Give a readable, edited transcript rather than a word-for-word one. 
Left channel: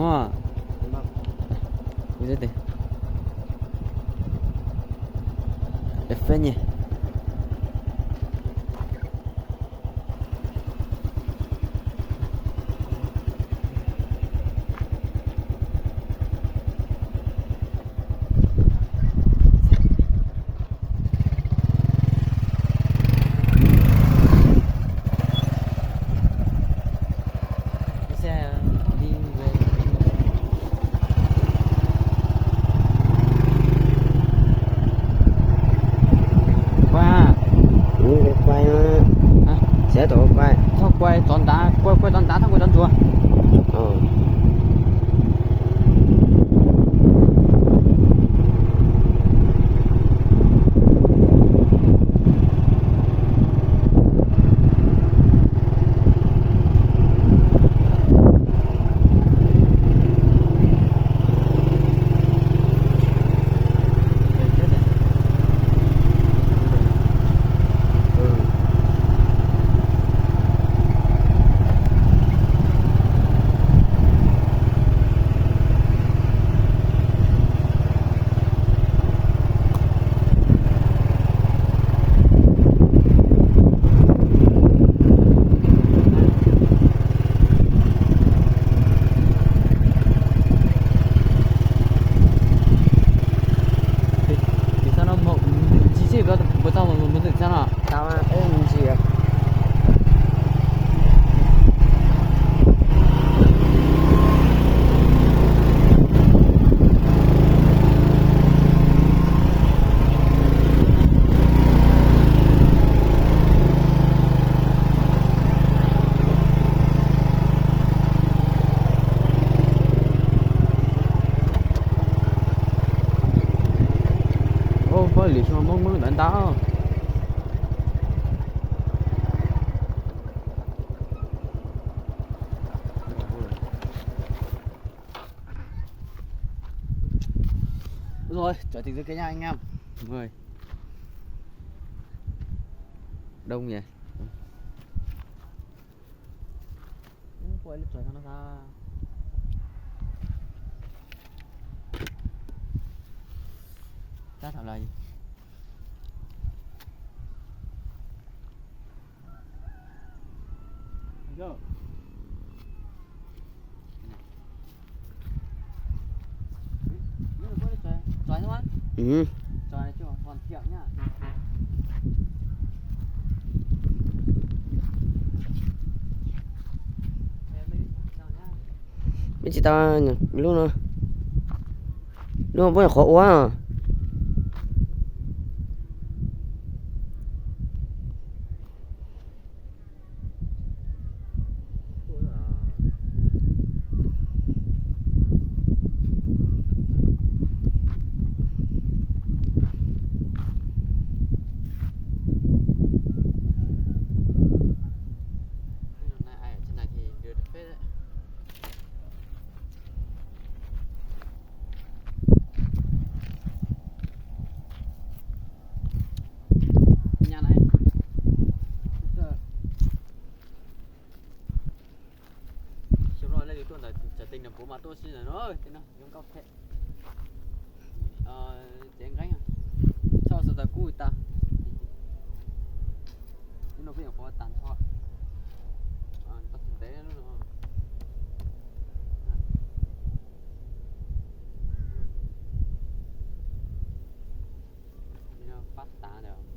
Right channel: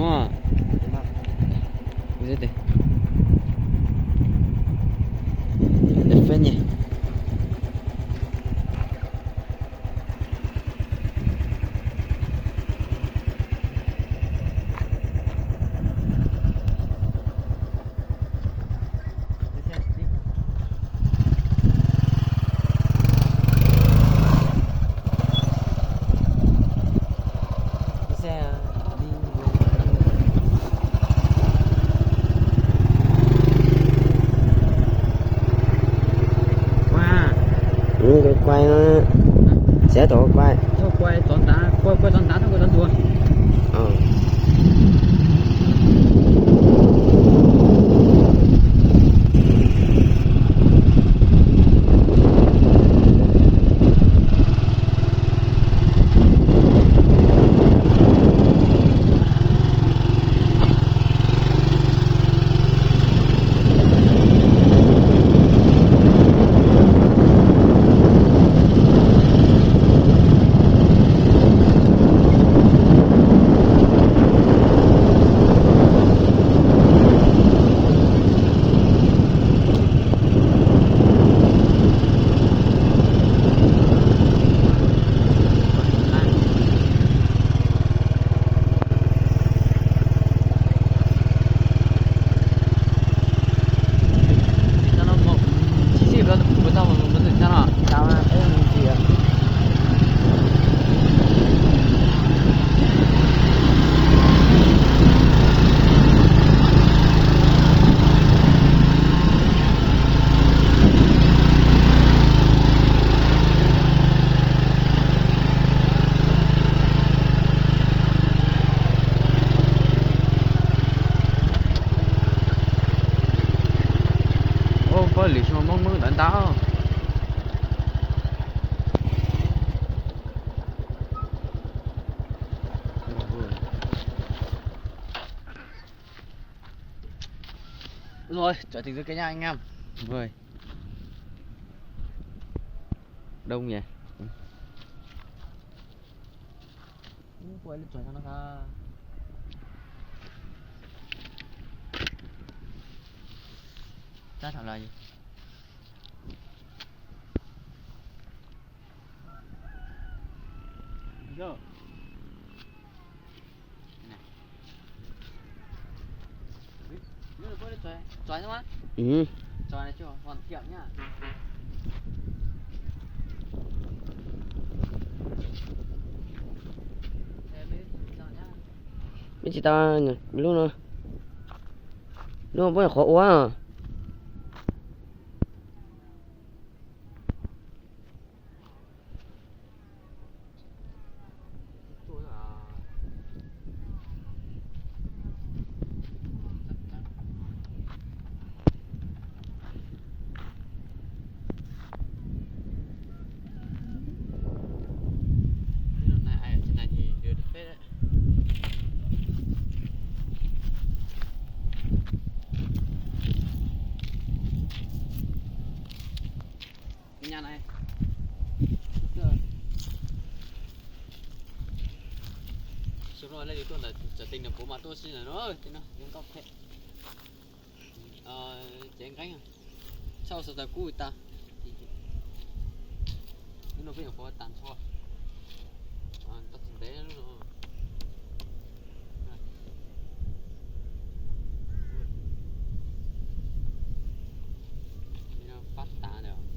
Ồ. Biết đấy. Đẹp phết nhỉ. Quay nó sẽ tổ quay thôi quay toàn đá quay toàn đá thôi quay toàn chùa lý cho mong đánh tao rồi trở thành cái nhà anh em rồi đông nhỉ quay lịch trở nó ra ta thảo là gì Go. Chói không á? Ừ. Chói này chưa hoàn thiện nhá. Mấy chị tao lúc nào vẫn khó quá à. Nhà này xong rồi lấy tuần là trở tình là của mà tôi xin là nó thế nào giống cọc thế chén cánh à sau sự ta cùi ta nhưng nó phải có tàn thoát ta thực tế luôn rồi phát tán được